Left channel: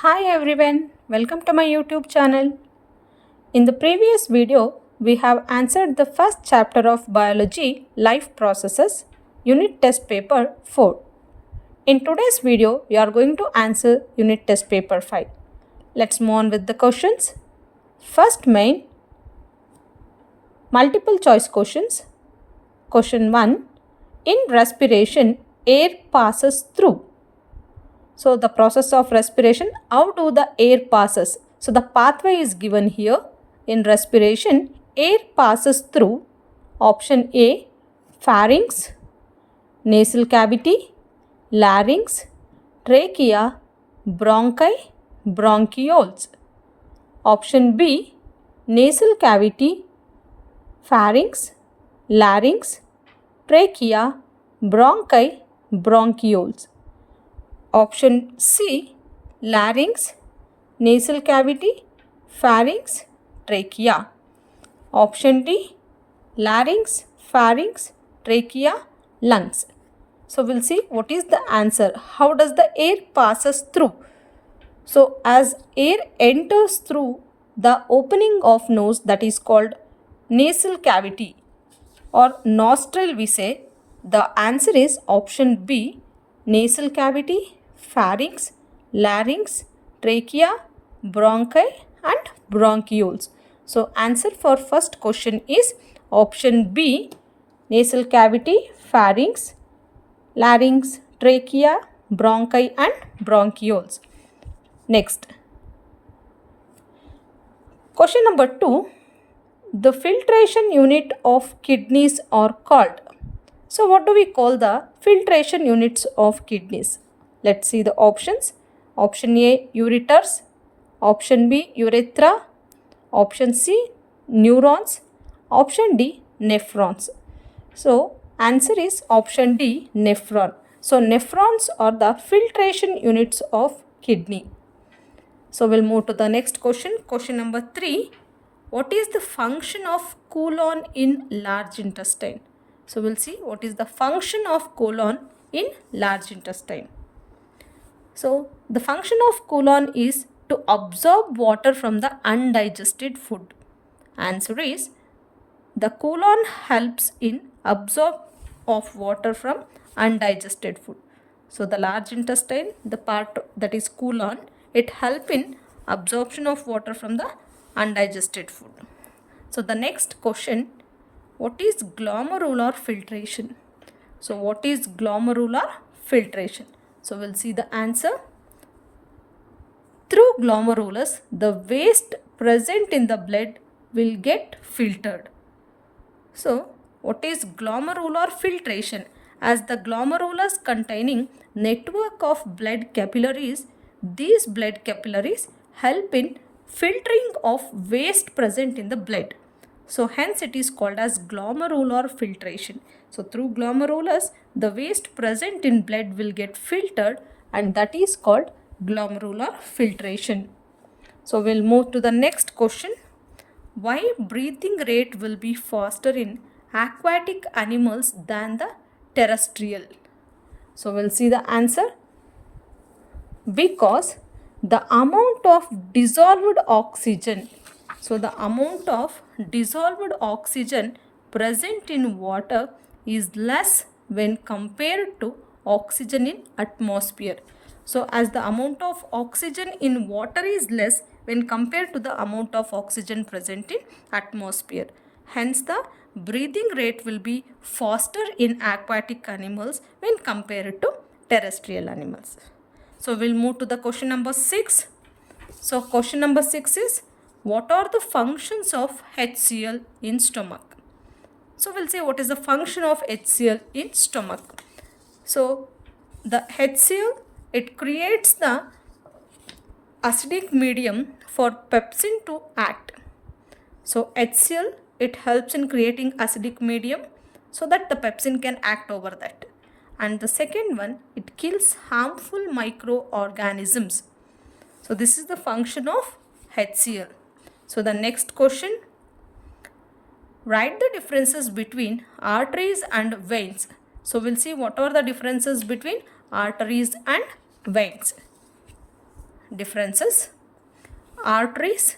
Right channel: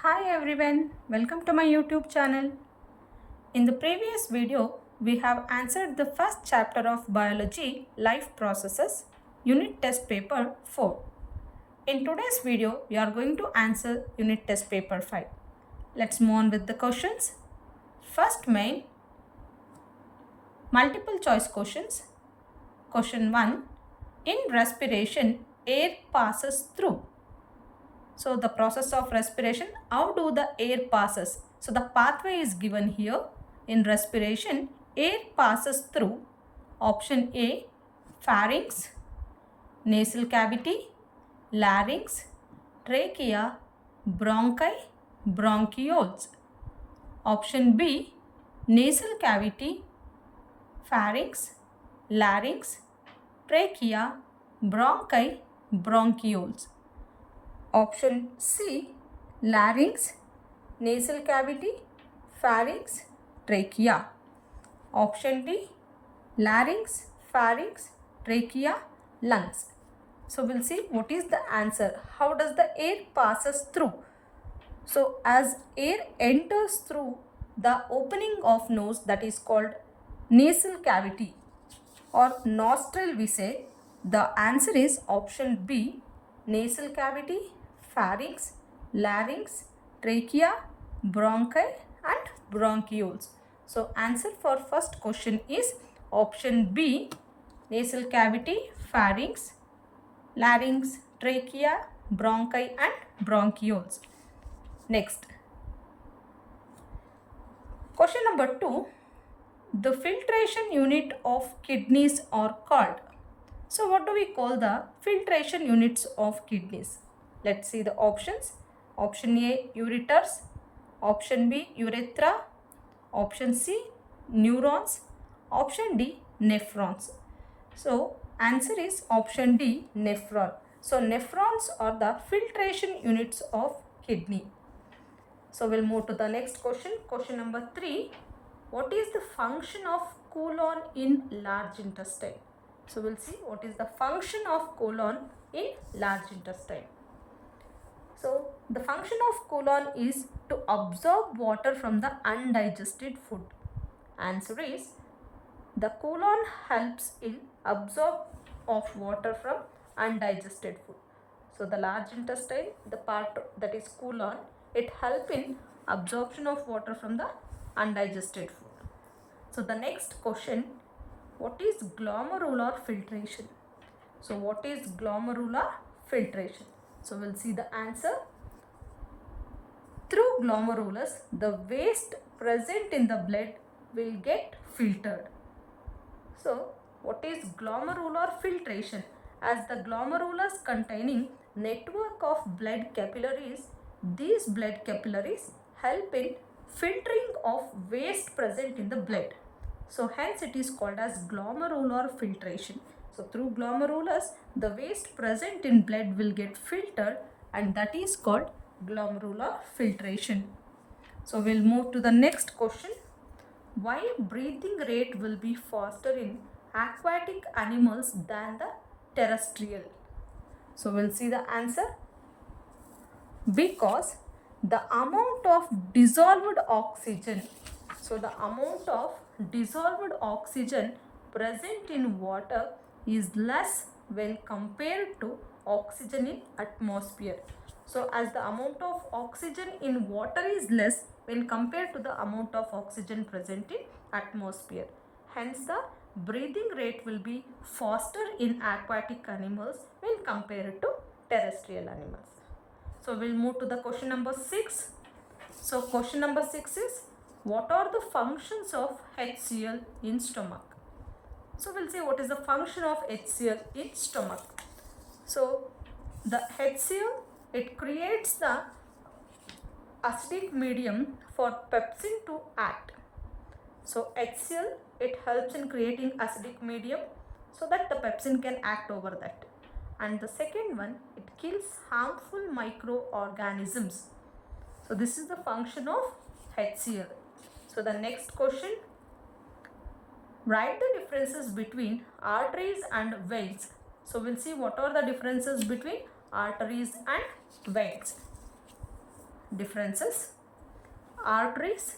Hi everyone, welcome to my YouTube channel. In the previous video, we have answered the first chapter of Biology Life Processes, Unit Test Paper 4. In today's video, we are going to answer Unit Test Paper 5. Let's move on with the questions. First main, multiple choice questions. Question 1. In respiration, air passes through. So the process of respiration, how do the air passes? So the pathway is given here. In respiration, air passes through option A, pharynx, nasal cavity, larynx, trachea, bronchi, bronchioles. Option B, nasal cavity, pharynx, larynx, trachea, bronchi, bronchioles. Option C, larynx, nasal cavity, pharynx, trachea. Option D, larynx, pharynx, trachea, lungs. So we'll see what is the answer. How does the air passes through? So as air enters through the opening of nose, that is called nasal cavity or nostril, we say the answer is option B, nasal cavity, pharynx, larynx, trachea, bronchi and bronchioles. So answer for first question is option B, nasal cavity, pharynx, larynx, trachea, bronchi and bronchioles. Next, question number 2. The filtration unit of kidneys are called. So what do we call the filtration units of kidneys? Let's see the options. Option A, ureters. Option B, urethra. Option C, neurons. Option D, nephrons. So answer is option D, nephron. So nephrons are the filtration units of kidney. So we'll move to the next question. Question number 3. What is the function of colon in large intestine? So we'll see what is the function of colon in large intestine. So the function of colon is to absorb water from the undigested food. Answer is the colon helps in absorb of water from undigested food. So the large intestine, the part that is colon, it help in absorption of water from the undigested food. So the next question, what is glomerular filtration? So what is glomerular filtration? So we'll see the answer. Through glomerulus, the waste present in the blood will get filtered. So what is glomerular filtration? As the glomerulus containing network of blood capillaries, these blood capillaries help in filtering of waste present in the blood. So hence it is called as glomerular filtration. So through glomerulus, the waste present in blood will get filtered and that is called glomerular filtration. So we'll move to the next question. Why breathing rate will be faster in aquatic animals than the terrestrial? So we'll see the answer. Because the amount of dissolved oxygen, so the amount of dissolved oxygen present in water is less when compared to oxygen in atmosphere. So as the amount of oxygen in water is less when compared to the amount of oxygen present in atmosphere. Hence the breathing rate will be faster in aquatic animals when compared to terrestrial animals. So we'll move to the question number 6. So question number 6 is, what are the functions of HCl in stomach? So we'll say what is the function of HCl in stomach. So the HCl, it creates the acidic medium for pepsin to act. So HCl, it helps in creating acidic medium so that the pepsin can act over that. And the second one, it kills harmful microorganisms. So this is the function of HCl. So the next question, write the differences between arteries and veins. So we'll see what are the differences between arteries and veins. differences. Arteries,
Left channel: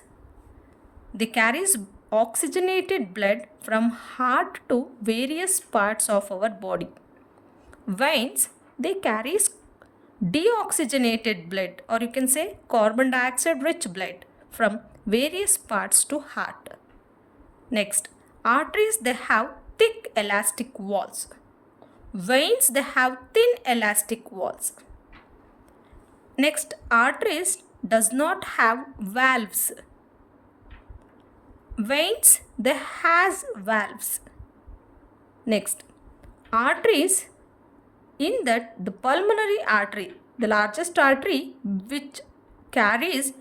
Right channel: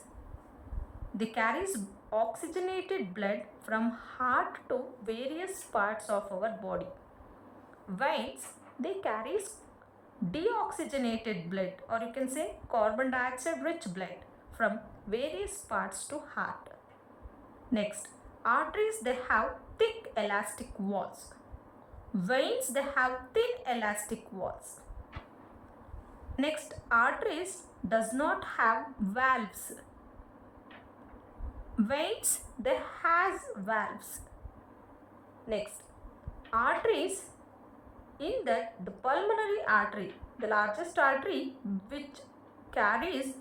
they carries oxygenated blood from heart to various parts of our body. Veins, they carries deoxygenated blood, or you can say carbon dioxide rich blood from various parts to heart. Next, arteries, they have thick elastic walls. Veins, they have thin elastic walls. Next, arteries does not have valves. Veins, they has valves. Next, arteries, in that the pulmonary artery, the largest artery which carries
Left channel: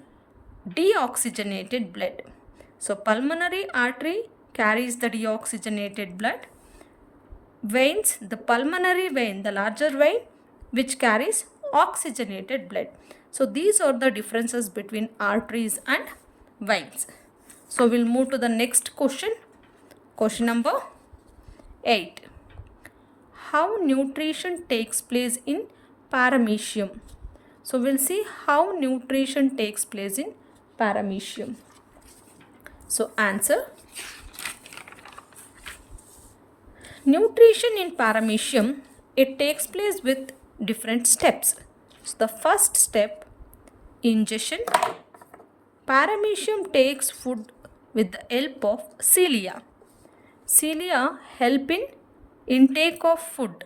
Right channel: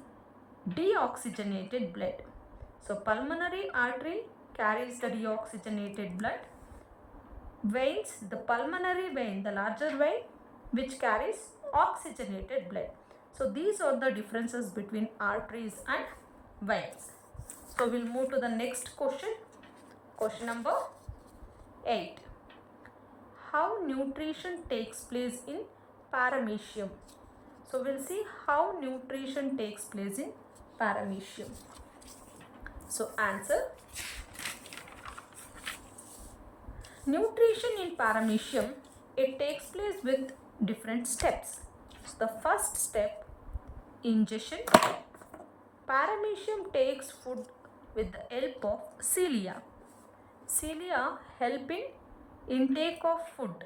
deoxygenated blood. So pulmonary artery carries the deoxygenated blood. Veins, the pulmonary vein, the larger vein which carries oxygenated blood. So these are the differences between arteries and veins. So we'll move to the next question. Question number 8. How nutrition takes place in paramecium? So we'll see how nutrition takes place in paramecium. So answer. Nutrition in paramecium, it takes place with different steps. So the first step, ingestion. Paramecium takes food with the help of cilia. Cilia help in intake of food.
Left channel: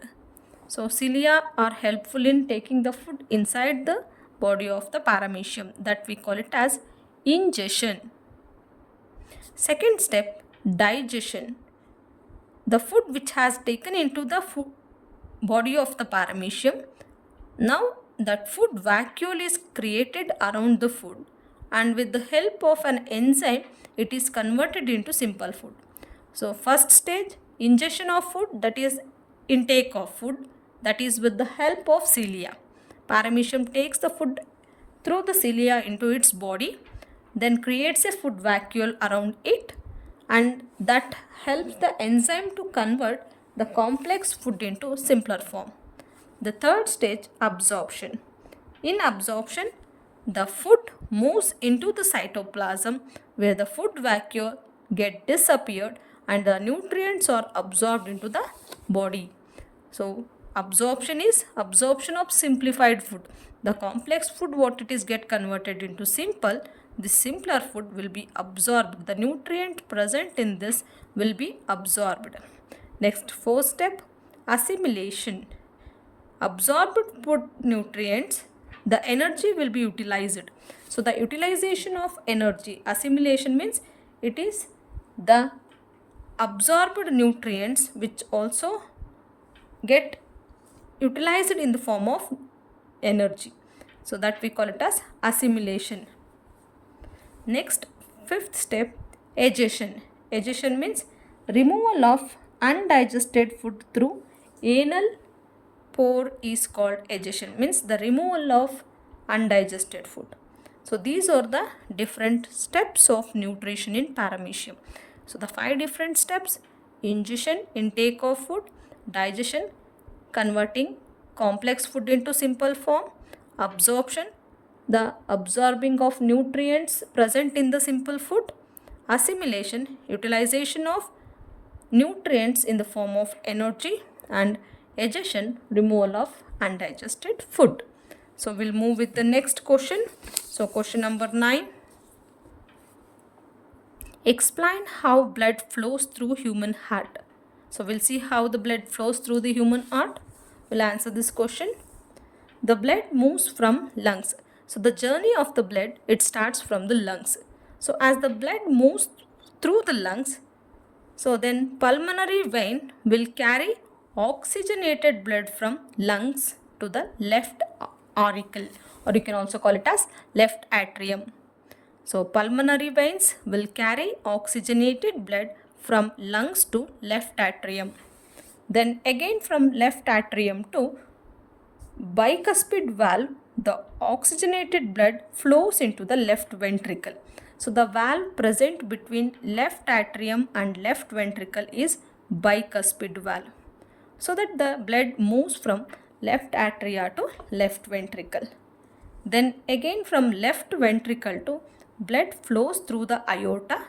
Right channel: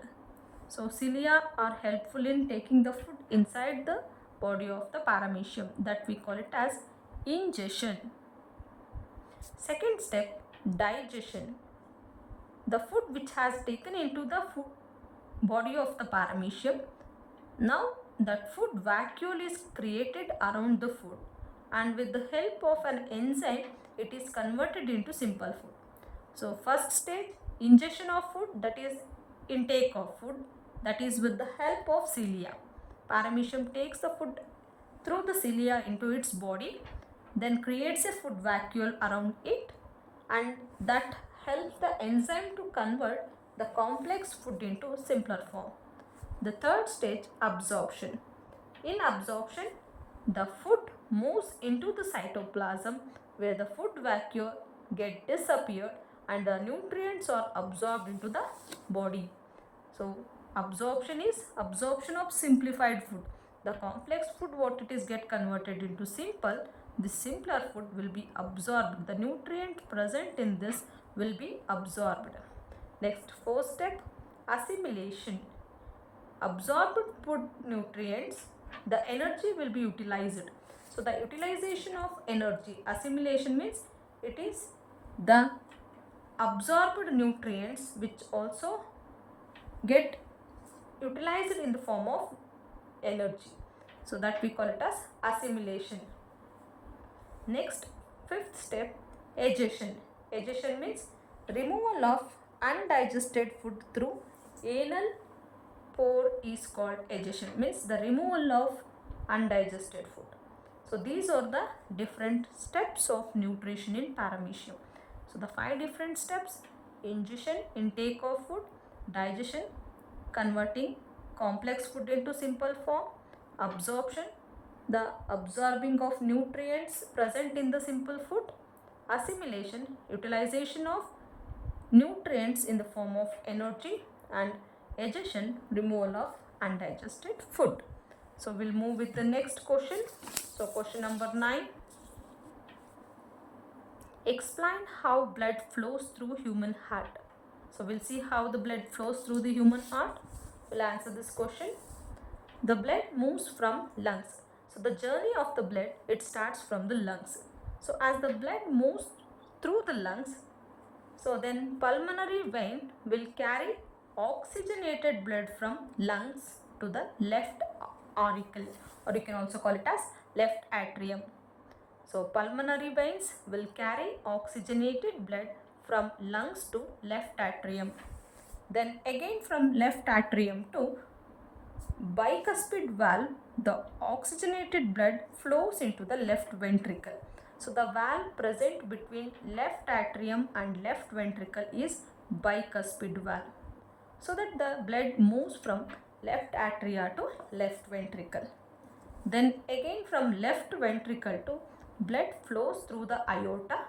So cilia are helpful in taking the food inside the body of the paramecium, that we call it as ingestion. Second step, digestion. The food which has taken into the body of the paramecium, now that food vacuole is created around the food, and with the help of an enzyme it is converted into simple food. So first stage, ingestion of food, that is intake of food, that is with the help of cilia. Paramecium takes the food through the cilia into its body, then creates a food vacuole around it, and that helps the enzyme to convert the complex food into simpler form. The third stage, absorption. In absorption, the food moves into the cytoplasm where the food vacuole get disappeared and the nutrients are absorbed into the body. So absorption is absorption of simplified food. The complex food, what it is get converted into simple, the simpler food will be absorbed. The nutrient present in this will be absorbed. Next, fourth step, assimilation. Absorbed food nutrients, the energy will be utilized. So the utilization of energy, assimilation means it is the absorbed nutrients which also get utilized in the form of energy. So that we call it as assimilation. Next, fifth step, egestion. Egestion means removal of undigested food through anal pore is called egestion, means the removal of undigested food. So these are the different steps of nutrition in paramecium. So the 5 different steps: ingestion, intake of food; digestion, converting complex food into simple form; absorption, the absorbing of nutrients present in the simple food; assimilation, utilization of nutrients in the form of energy; and egestion, removal of undigested food. So we'll move with the next question. So question number 9. Explain how blood flows through human heart. So we'll see how the blood flows through the human heart. We'll answer this question. The blood moves from lungs. So the journey of the blood, it starts from the lungs. So as the blood moves through the lungs, so then pulmonary vein will carry oxygenated blood from lungs to the left auricle, or you can also call it as left atrium. So pulmonary veins will carry oxygenated blood from lungs to left atrium. Then again from left atrium to bicuspid valve, the oxygenated blood flows into the left ventricle. So the valve present between left atrium and left ventricle is bicuspid valve, so that the blood moves from left atria to left ventricle. Then again from left ventricle to blood flows through the aorta,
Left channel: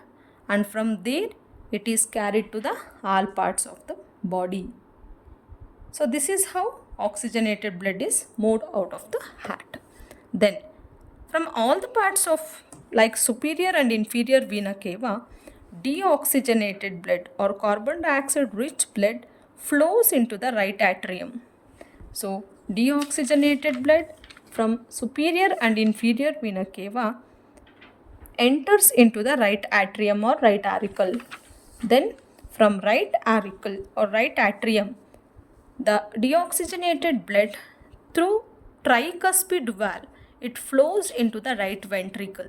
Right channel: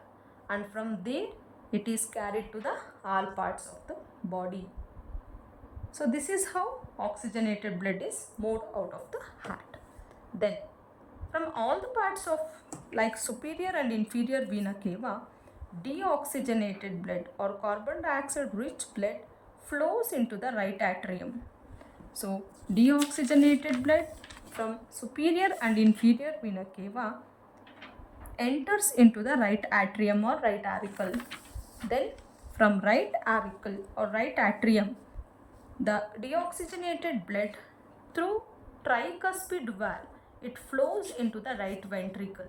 and from there it is carried to the all parts of the body. So this is how oxygenated blood is moved out of the heart. Then from all the parts of like superior and inferior vena cava, deoxygenated blood or carbon dioxide rich blood flows into the right atrium. So deoxygenated blood from superior and inferior vena cava enters into the right atrium or right auricle. Then from right auricle or right atrium, the deoxygenated blood through tricuspid valve, it flows into the right ventricle.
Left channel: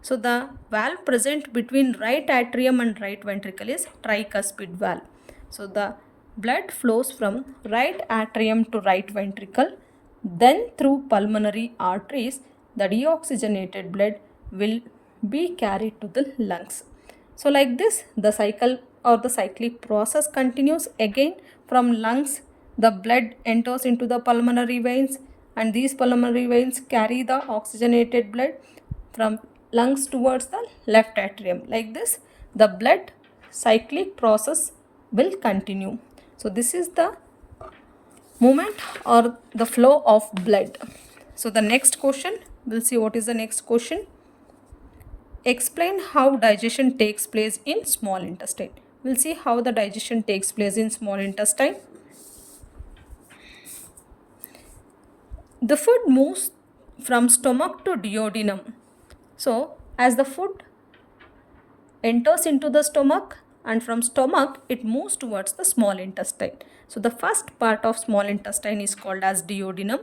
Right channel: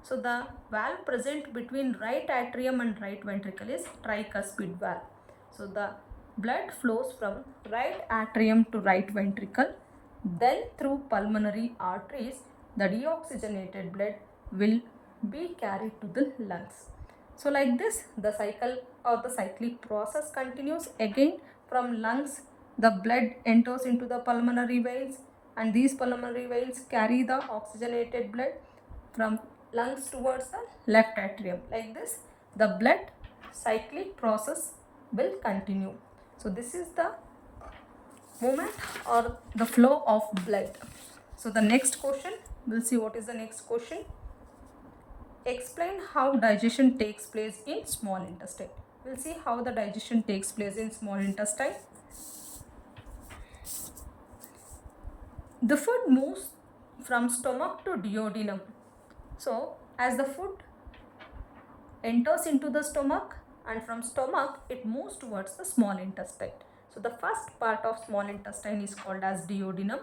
So the valve present between right atrium and right ventricle is tricuspid valve. So the blood flows from right atrium to right ventricle. Then through pulmonary arteries, the deoxygenated blood will be carried to the lungs. So like this, the cycle or the cyclic process continues. Again from lungs, the blood enters into the pulmonary veins, and these pulmonary veins carry the oxygenated blood from lungs towards the left atrium. Like this, the blood cyclic process will continue. So this is the movement or the flow of blood. So the next question, we'll see what is the next question. Explain how digestion takes place in small intestine. We'll see how the digestion takes place in small intestine. The food moves from stomach to duodenum. So as the food enters into the stomach, and from stomach it moves towards the small intestine. So the first part of small intestine is called as duodenum.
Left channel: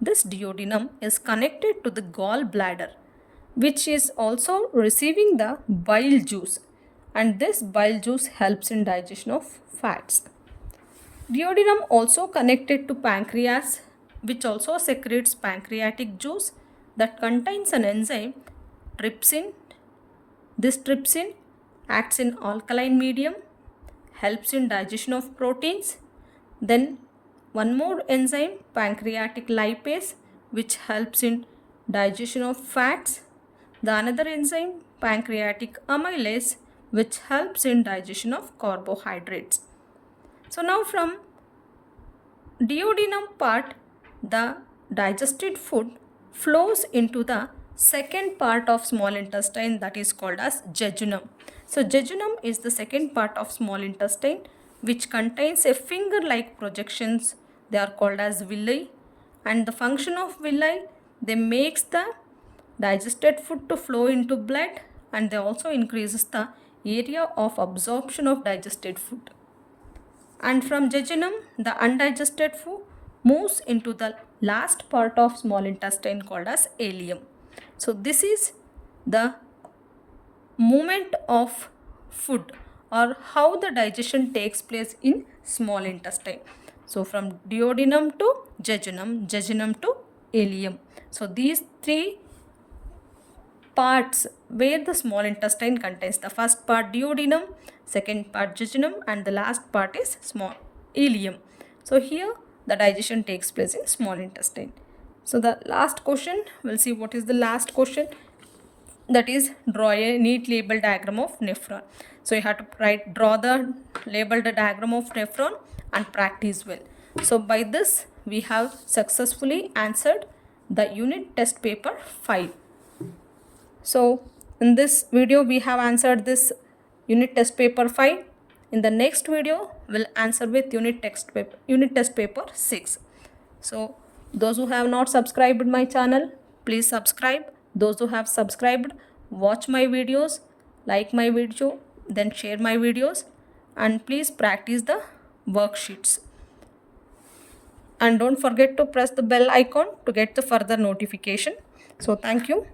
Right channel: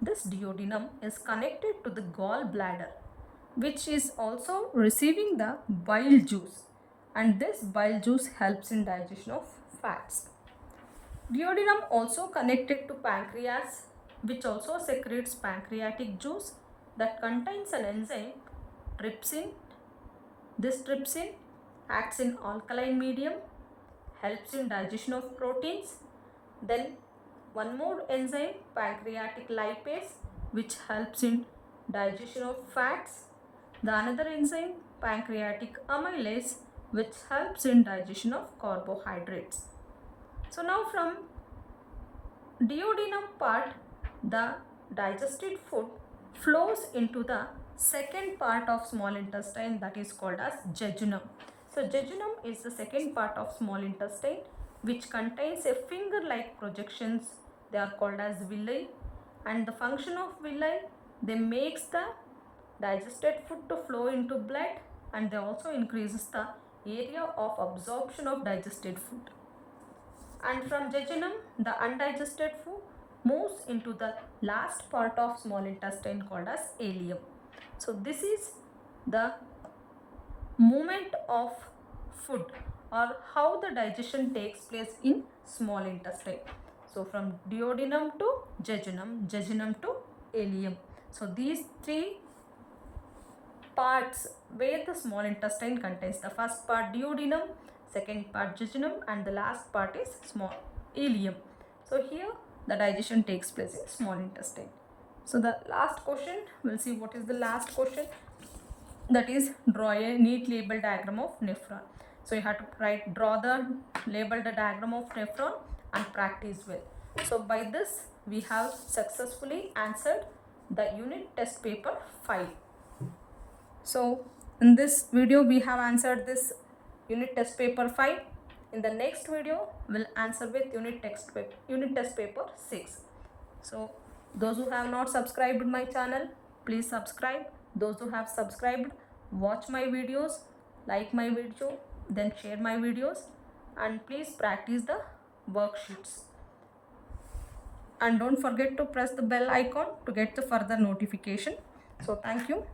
This duodenum is connected to the gallbladder, which is also receiving the bile juice, and this bile juice helps in digestion of fats. Duodenum also connected to pancreas, which also secretes pancreatic juice that contains an enzyme trypsin. This trypsin acts in alkaline medium, helps in digestion of proteins. Then one more enzyme, pancreatic lipase, which helps in digestion of fats. The another enzyme, pancreatic amylase, which helps in digestion of carbohydrates. So now from duodenum part, the digested food flows into the second part of small intestine, that is called as jejunum. So jejunum is the second part of small intestine, which contains a finger-like projections. They are called as villi, and the function of villi, they makes the digested food to flow into blood, and they also increases the area of absorption of digested food. And from jejunum, the undigested food moves into the last part of small intestine called as ileum. So this is the movement of food or how the digestion takes place in small intestine. So from duodenum to jejunum, jejunum to ileum. So these three parts where the small intestine contains. The first part duodenum, second part jejunum, and the last part is small ileum. So here the digestion takes place in small intestine. So the last question, we'll see what is the last question. That is, draw a neat label diagram of nephron. So you have to draw the labeled diagram of nephron and practice well. So by this we have successfully answered the unit test paper 5. So in this video we have answered this unit test paper 5. In the next video we'll answer with unit test paper 6. So those who have not subscribed my channel, please subscribe. Those who have subscribed, watch my videos, like my video, then share my videos, and please practice the worksheets. And don't forget to press the bell icon to get the further notification. So thank you.